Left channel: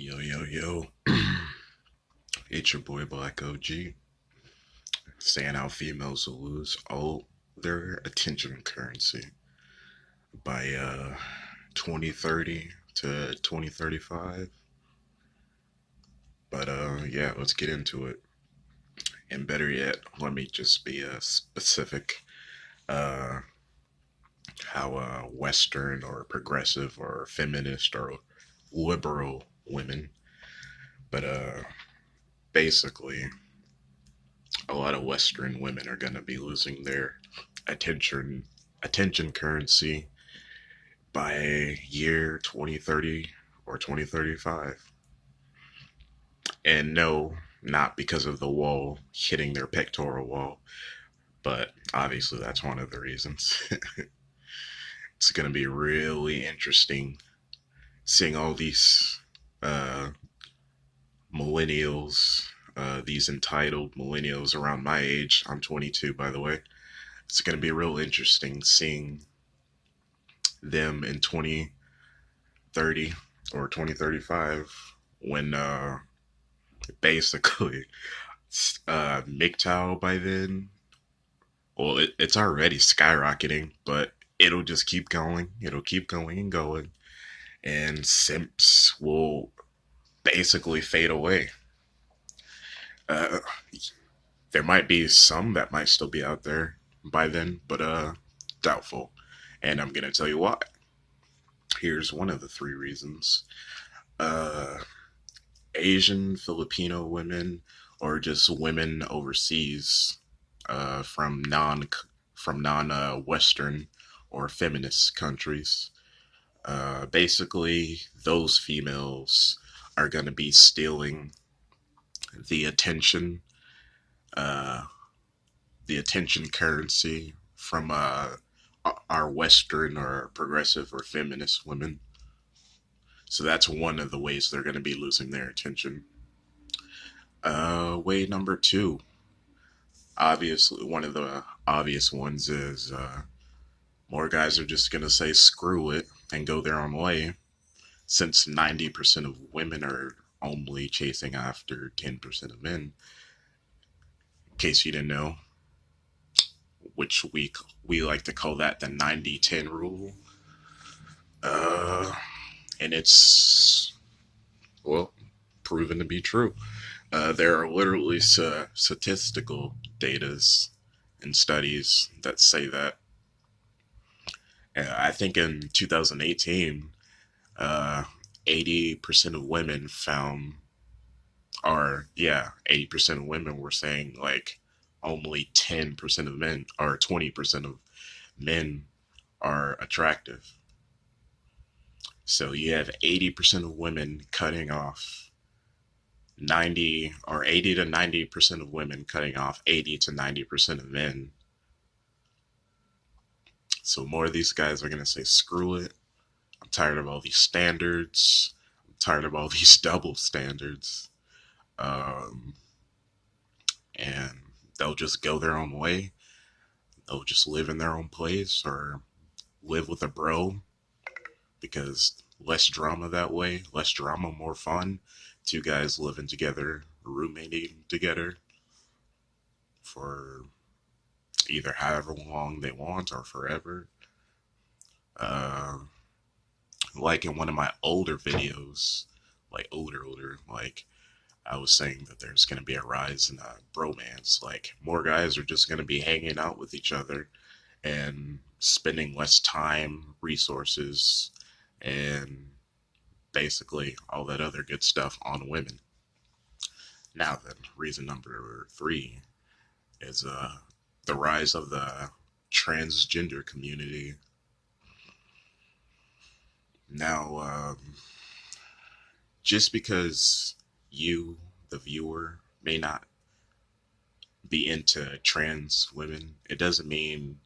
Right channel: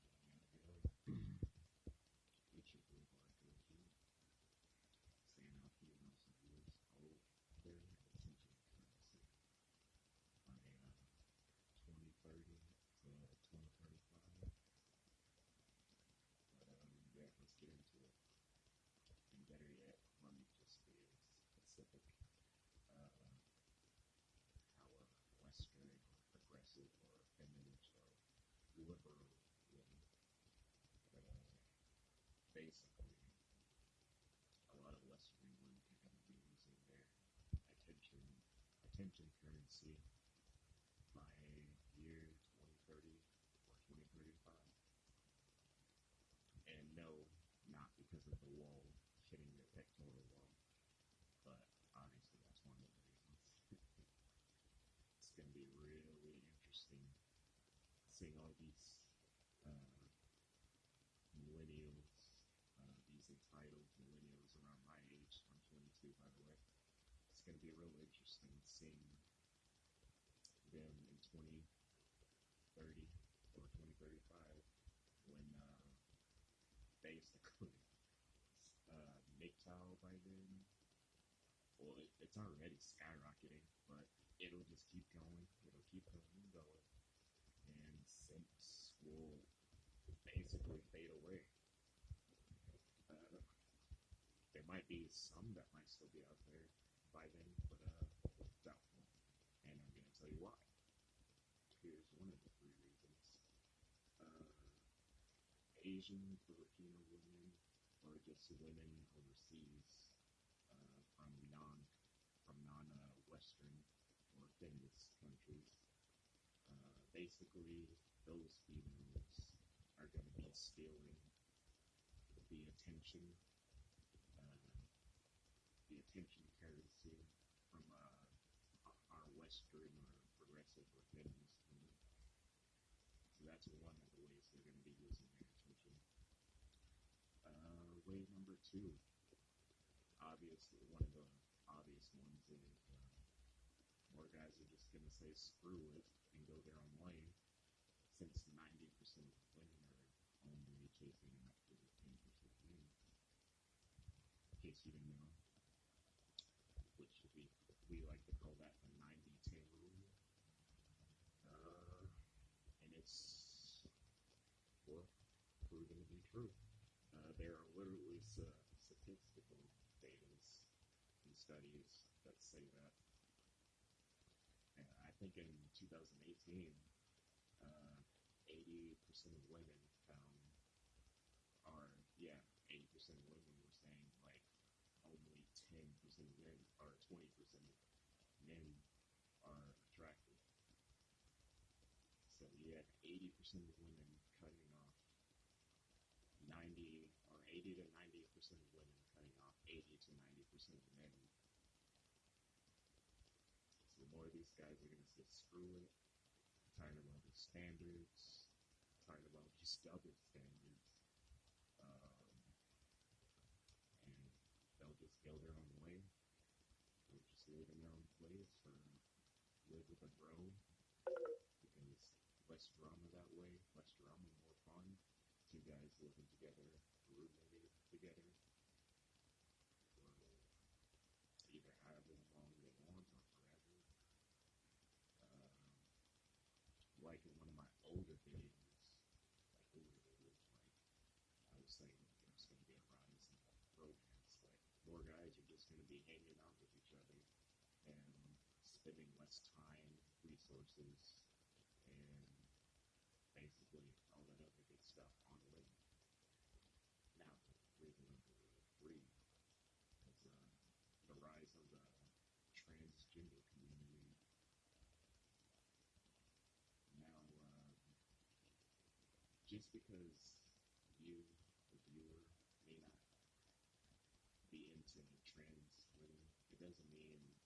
Yo, yo, yo. It's your boy Black OG saying how females will lose all their attention currency by 2030 to 2035. But yeah, let's get into it. And better yet, let me just be specific. Uh, how Western or progressive or feminist or liberal women, but basically a lot of Western women are going to be losing their attention currency by year 2030 or 2035. And no, not because of the wall hitting their pectoral wall, but obviously that's one of the reasons. It's going to be really interesting seeing all these uh, millennials, these entitled millennials around my age. I'm 22, by the way. It's going to be real interesting seeing them in 2030 or 2035 when basically MGTOW by then, well, it's already skyrocketing, but it'll just keep going. It'll keep going and going. And simps will basically fade away. Uh, there might be some that might still be out there by then, but doubtful. And I'm gonna tell you why. Here's one of the three reasons. Uh, Asian Filipino women, or just women overseas from non Western or feminist countries. Basically, those females are going to be stealing the attention, uh, the attention currency from our Western or progressive or feminist women. So that's one of the ways they're going to be losing their attention. Way number two, obviously, one of the obvious ones is more guys are just going to say screw it and go their own way, since 90% of women are only chasing after 10% of men. In case you didn't know, which we like to call that the 90-10 rule. Uh, and it's, well, proven to be true. There are literally statistical datas and studies that say that. I think in 2018, uh, 80% of women found, or yeah, 80% of women were saying like only 10% of men or 20% of men are attractive. So you have 80% of women cutting off 90 or 80 to 90% of women cutting off 80 to 90% of men. So more of these guys are going to say, screw it. I'm tired of all these standards. I'm tired of all these double standards. Um, and they'll just go their own way. They'll just live in their own place or live with a bro, because less drama that way. Less drama, more fun. Two guys living together, roommating together for either however long they want or forever. Uh, like in one of my older videos, like older, like I was saying that there's going to be a rise in bromance. Like more guys are just going to be hanging out with each other and spending less time, resources, and basically all that other good stuff on women. Now then, reason number three is the rise of the transgender community. Now, just because you, the viewer, may not be into trans women, it doesn't mean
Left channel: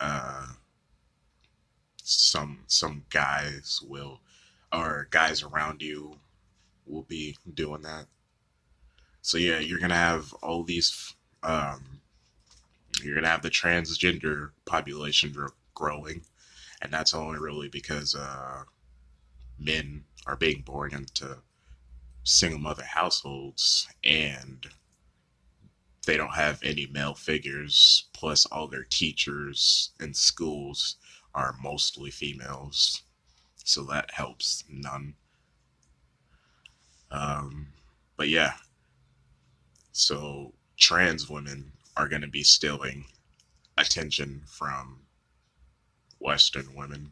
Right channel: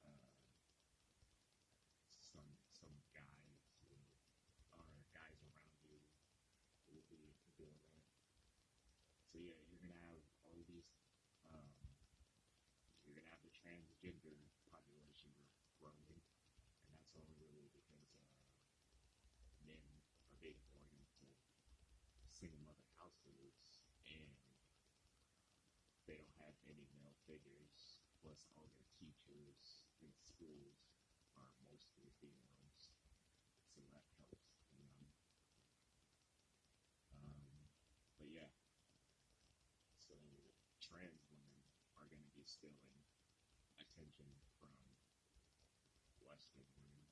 uh, some guys will, or guys around you will be doing that. So yeah, you're gonna have all these. You're gonna have the transgender population growing, and that's only really because men are being born into single mother households, and they don't have any male figures, plus all their teachers in schools are mostly females, so that helps none. um, but yeah, so trans women are going to be stealing attention from Western women.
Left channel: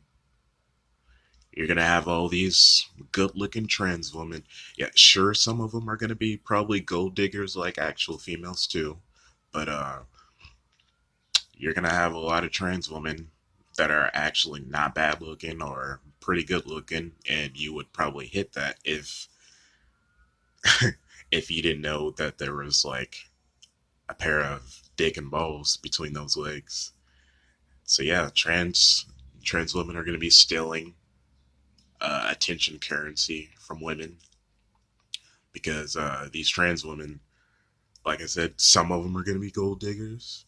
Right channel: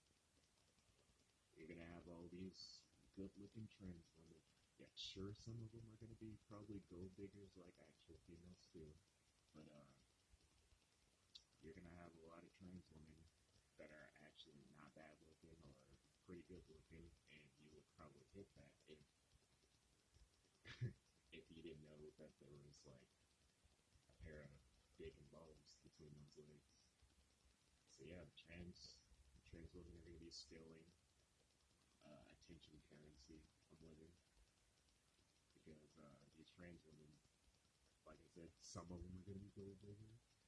You're gonna have all these good-looking trans women. Yeah, sure, some of them are gonna be probably gold diggers like actual females too, but you're gonna have a lot of trans women that are actually not bad looking or pretty good looking, and you would probably hit that if you didn't know that there was like a pair of dick and balls between those legs. So yeah, trans women are gonna be stealing attention currency from women because these trans women, like I said, some of them are going to be gold diggers.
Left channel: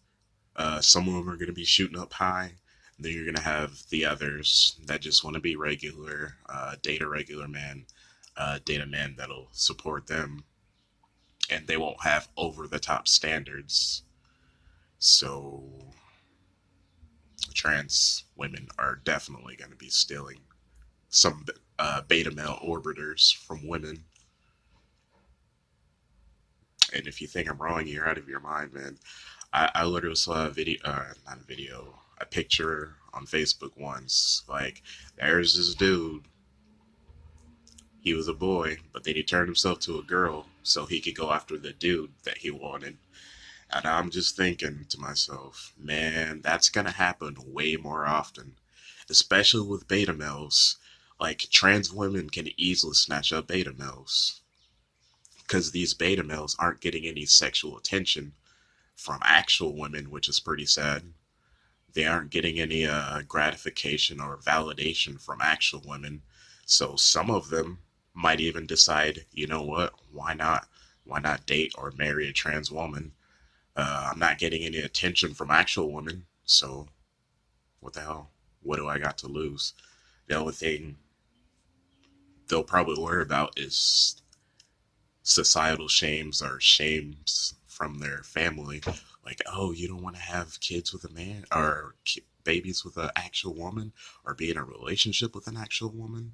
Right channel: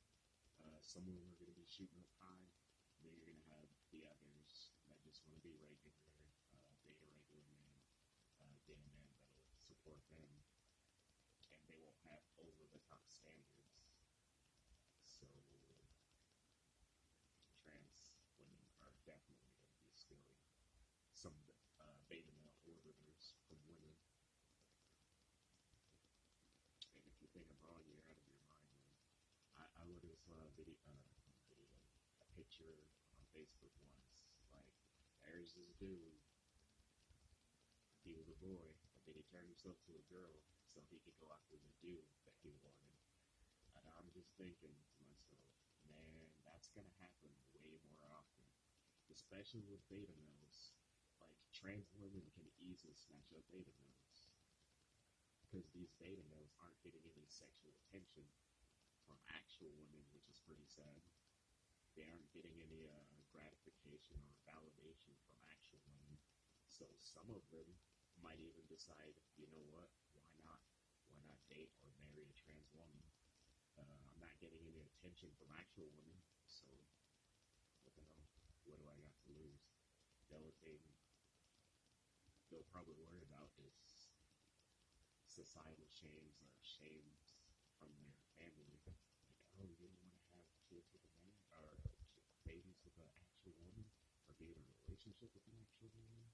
Some of them are going to be shooting up high. And then you're going to have the others that just want to be regular, date a regular man, date a man that'll support them, and they won't have over the top standards. So trans women are definitely going to be stealing some beta male orbiters from women. And if you think I'm wrong, you're out of your mind, man. I literally saw a video, not a video, a picture on Facebook once. Like, there's this dude. He was a boy, but then he turned himself to a girl so he could go after the dude that he wanted. And I'm just thinking to myself, man, that's gonna happen way more often, especially with beta males. Like, trans women can easily snatch up beta males because these beta males aren't getting any sexual attention from actual women, which is pretty sad. They aren't getting any gratification or validation from actual women. So some of them might even decide, you know what, why not? Why not date or marry a trans woman? I'm not getting any attention from actual women, so what the hell? What do I got to lose? The only thing they'll probably worry about is societal shames or shames from their family, like, oh, you don't want to have kids with a man or babies with an actual woman or be in a relationship with an actual woman.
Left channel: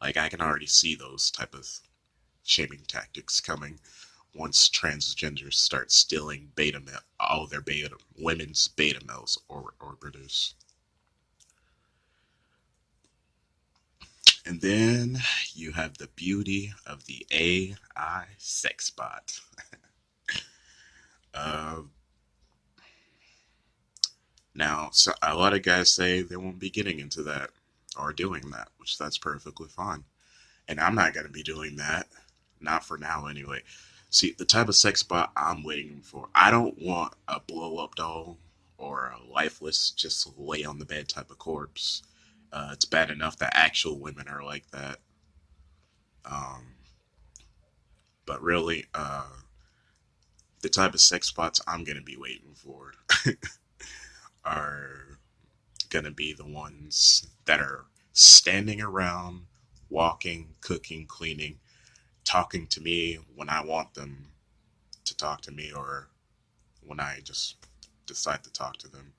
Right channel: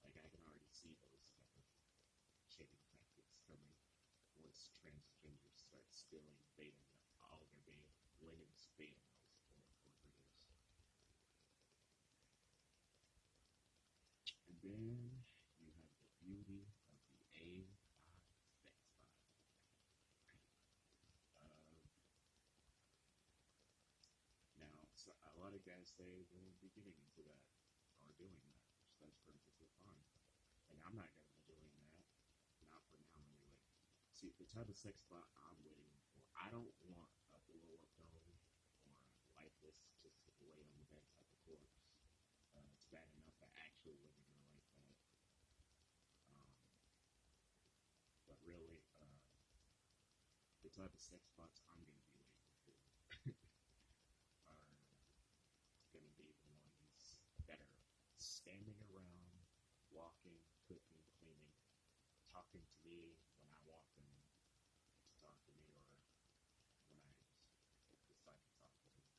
Like, I can already see those type of shaming tactics coming once transgenders start stealing beta male, all their beta women's beta males or orbiters. And then you have the beauty of the AI sex bot. uh, Now, so a lot of guys say they won't be getting into that or doing that, which that's perfectly fine. And I'm not going to be doing that. Not for now, anyway. See, the type of sex bot I'm waiting for, I don't want a blow up doll or a lifeless, just lay on the bed type of corpse. It's bad enough that actual women are like that. Um, but really, the type of sex bots I'm going to be waiting for are gonna be the ones that are standing around, walking, cooking, cleaning, talking to me when I want them to talk to me or when I just decide to talk to them.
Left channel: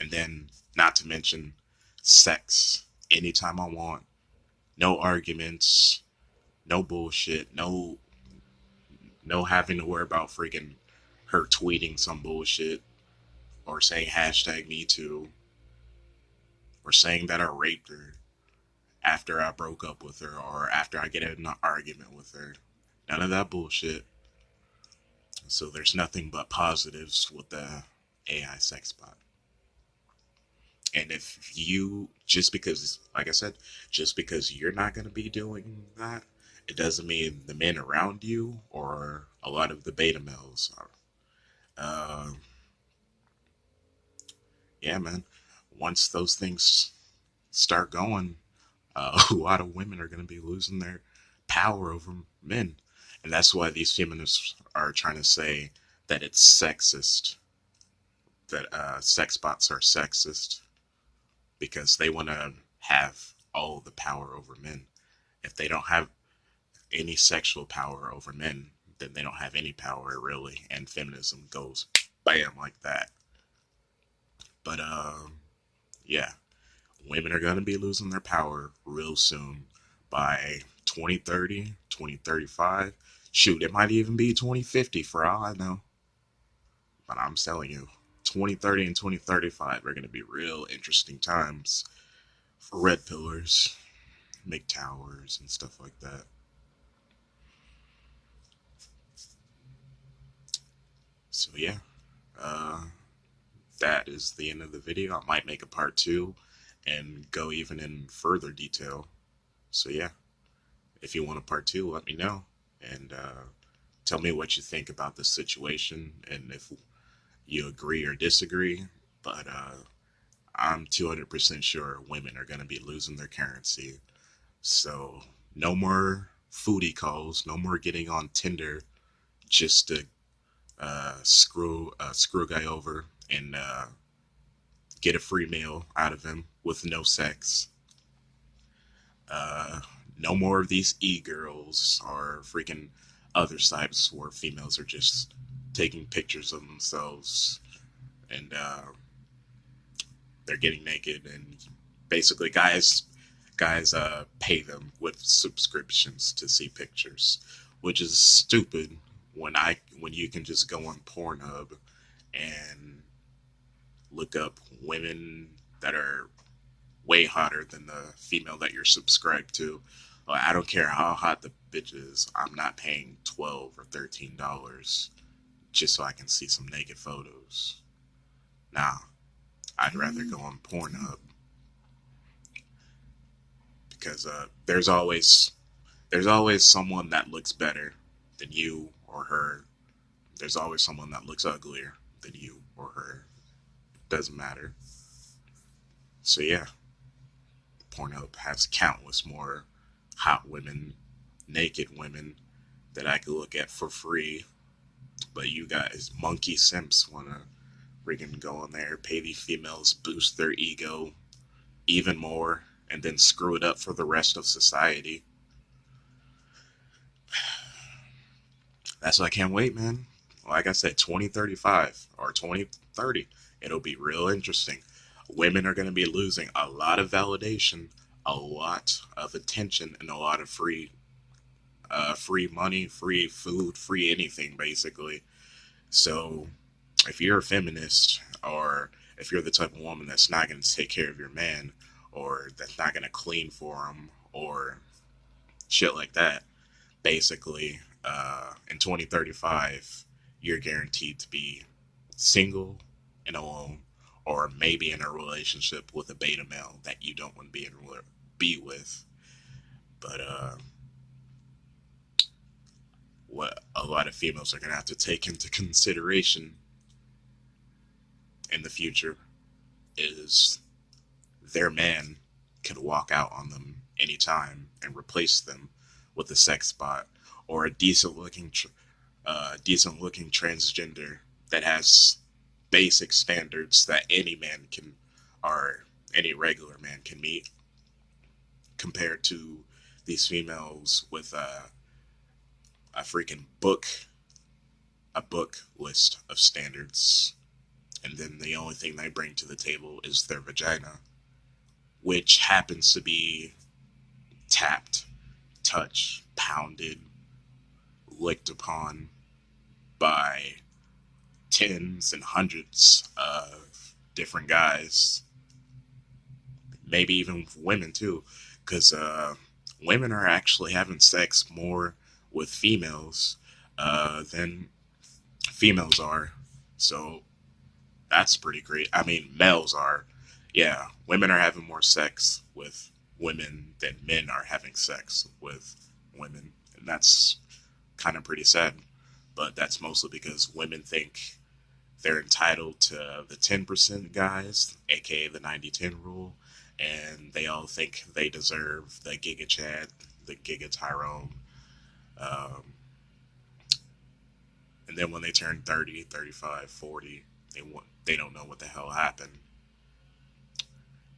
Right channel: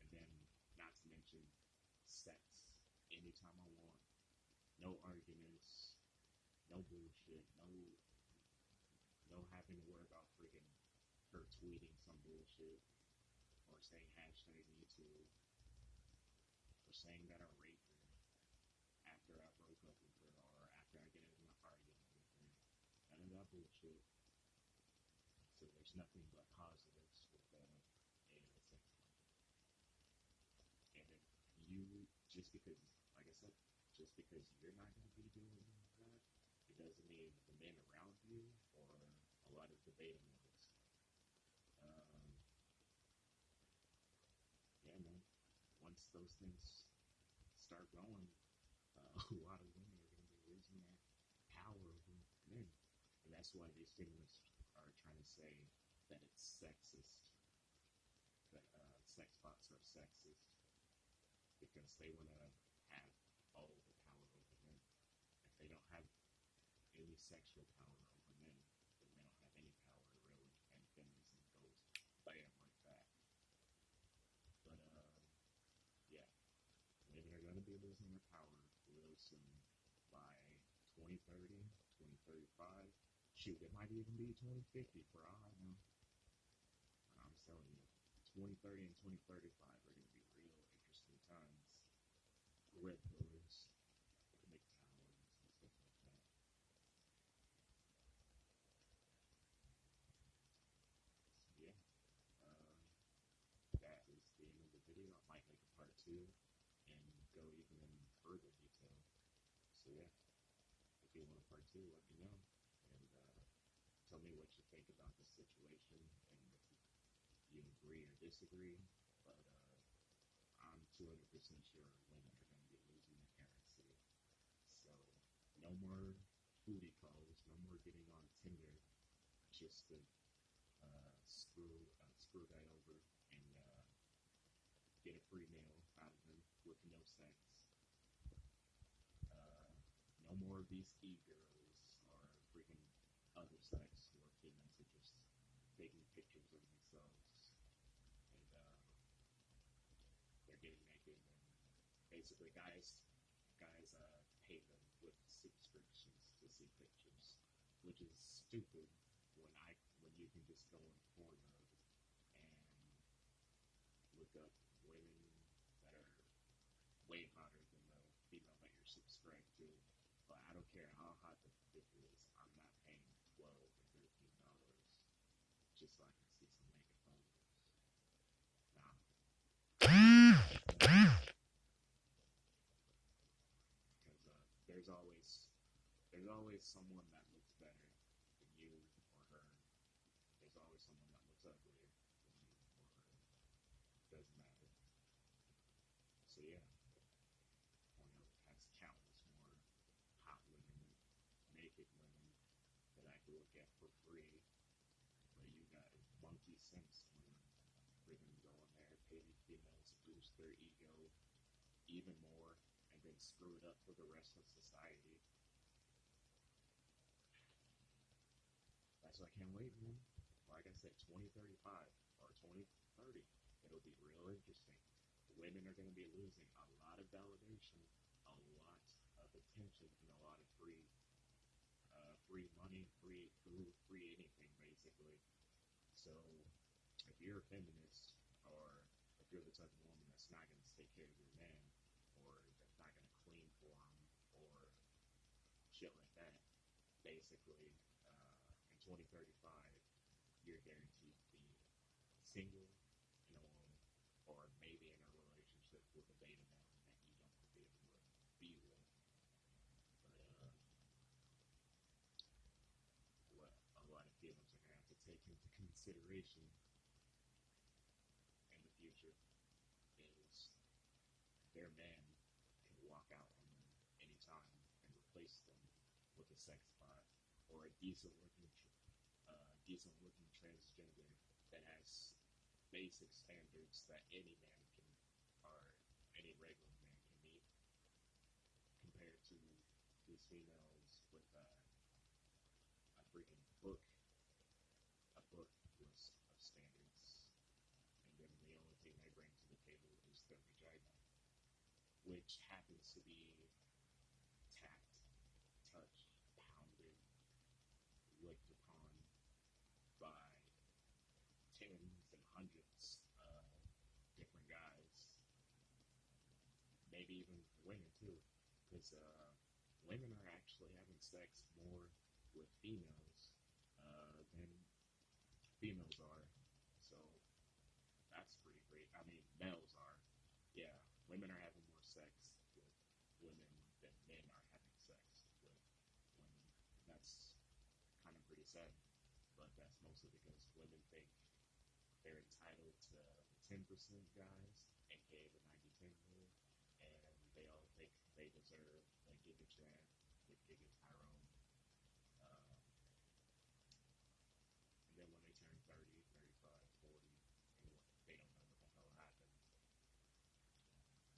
And then, not to mention, sex anytime I want. No arguments, no bullshit, no having to worry about freaking her tweeting some bullshit or saying hashtag me too or saying that I raped her after I broke up with her or after I get in an argument with her. None of that bullshit. So there's nothing but positives with the AI sex bot. And if you, just because, like I said, just because you're not going to be doing that, it doesn't mean the men around you or a lot of the beta males are. Uh, yeah, man. Once those things start going, a lot of women are going to be losing their power over men. And that's why these feminists are trying to say that it's sexist, that sex bots are sexist, because they want to have all the power over men. If they don't have, any sexual power over men, then they don't have any power really, and feminism goes bam like that. But yeah, women are gonna be losing their power real soon by 2030, 2035. Shoot, it might even be 2050 for all I know. But I'm telling you, 2030 and 2035 are gonna be real interesting times for red pillars, MGTOWers, and stuff like that. So yeah, uh, that is the end of the video. I might make a part two and go even in further detail. So yeah, if you want a part two, let me know and tell me what you think about this situation and if you agree or disagree. But I'm 200% sure women are going to be losing their currency. So no more foodie calls, no more getting on Tinder just to screw a guy over and get a free meal out of him with no sex. Uh, no more of these e-girls or freaking other sites where females are just taking pictures of themselves and they're getting naked and basically guys pay them with subscriptions to see pictures, which is stupid when you can just go on Pornhub and look up women that are way hotter than the female that you're subscribed to. I don't care how hot the bitch is. I'm not paying $12 or $13 just so I can see some naked photos. Nah, I'd rather go on porn because there's always someone that looks better than you or her. There's always someone that looks uglier than you or her. Doesn't matter. So yeah, Pornhub has countless more hot women, naked women that I could look at for free. But you guys, monkey simps, wanna freaking go on there, pay these females, boost their ego even more, and then screw it up for the rest of society. That's why I can't wait, man. Like I said, 2035 or 2030, it'll be real interesting. Women are going to be losing a lot of validation, a lot of attention, and a lot of free money, free food, free anything, basically. So, if you're a feminist, or if you're the type of woman that's not going to take care of your man, or that's not going to clean for him, or shit like that, basically, in 2035, you're guaranteed to be single and alone, or maybe in a relationship with a beta male that you don't want to be with. But what a lot of females are going to have to take into consideration in the future is their man could walk out on them anytime and replace them with a sex bot or a decent looking transgender that has basic standards that any man can or any regular man can meet compared to these females with a freaking book list of standards, and then the only thing they bring to the table is their vagina, which happens to be tapped, touched, pounded, licked upon by tens and hundreds of different guys, maybe even women too, because women are actually having sex more with females than females are. So that's pretty great. I mean, males are. Yeah, women are having more sex with women than men are having sex with women. And that's kind of pretty sad. But that's mostly because women think they're entitled to the 10% guys, aka the 90-10 rule, and they all think they deserve the Giga Chad, the Giga Tyrone. Um, and then when they turn 30, 35, 40, they don't know what the hell happened.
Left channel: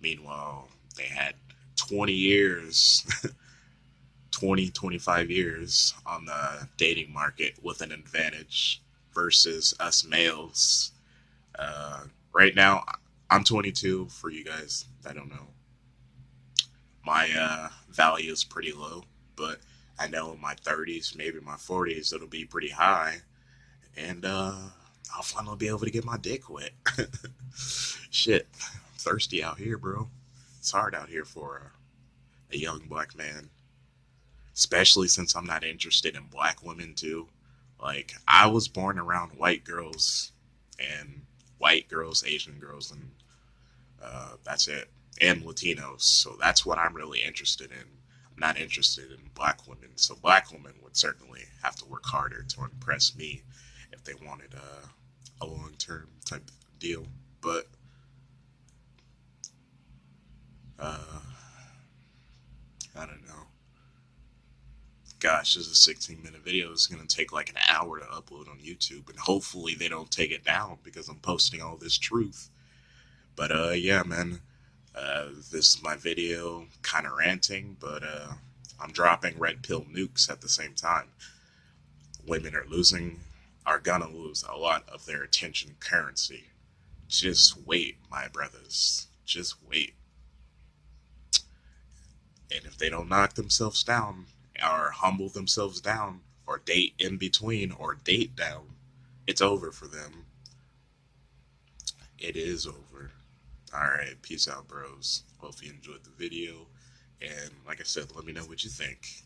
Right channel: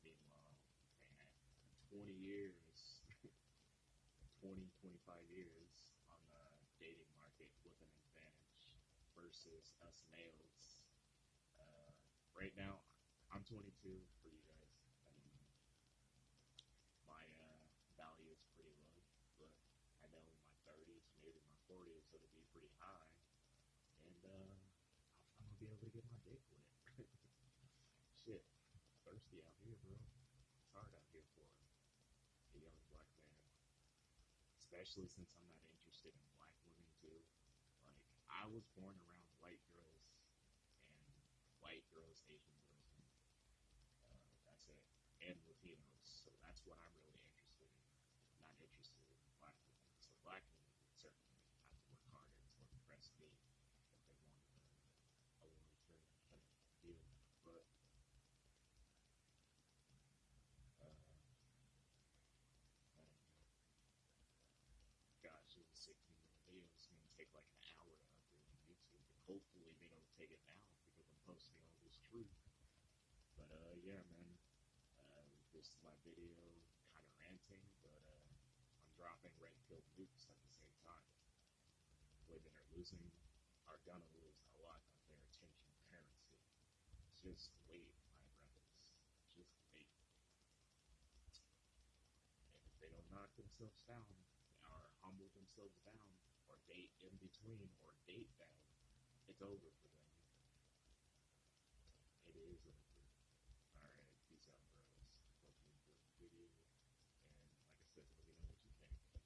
Meanwhile, they had 20 years 20, 25 years on the dating market with an advantage versus us males. Uh, right now, I'm 22. For you guys that don't know, my value is pretty low, but I know in my 30s, maybe my 40s, it'll be pretty high, and I'll finally be able to get my dick wet. Shit, I'm thirsty out here, bro. It's hard out here for a young black man, especially since I'm not interested in black women too. Like I was born around white girls and Asian girls, and that's it, and Latinos. So that's what I'm really interested in. I'm not interested in black women. So black women would certainly have to work harder to impress me if they wanted a long term type deal. But uh, I don't know. Gosh, this is a 16-minute video. It's going to take like an hour to upload on YouTube, and hopefully they don't take it down because I'm posting all this truth. But yeah, man, this is my video, kind of ranting, but I'm dropping red pill nukes at the same time. Women are gonna lose a lot of their attention currency. Just wait, my brothers. Just wait. And if they don't knock themselves down, or humble themselves down, or date in between, or date down, it's over for them. It is over. Alright, peace out, bros. Hope you enjoyed the video. And like I said, let me know what you think.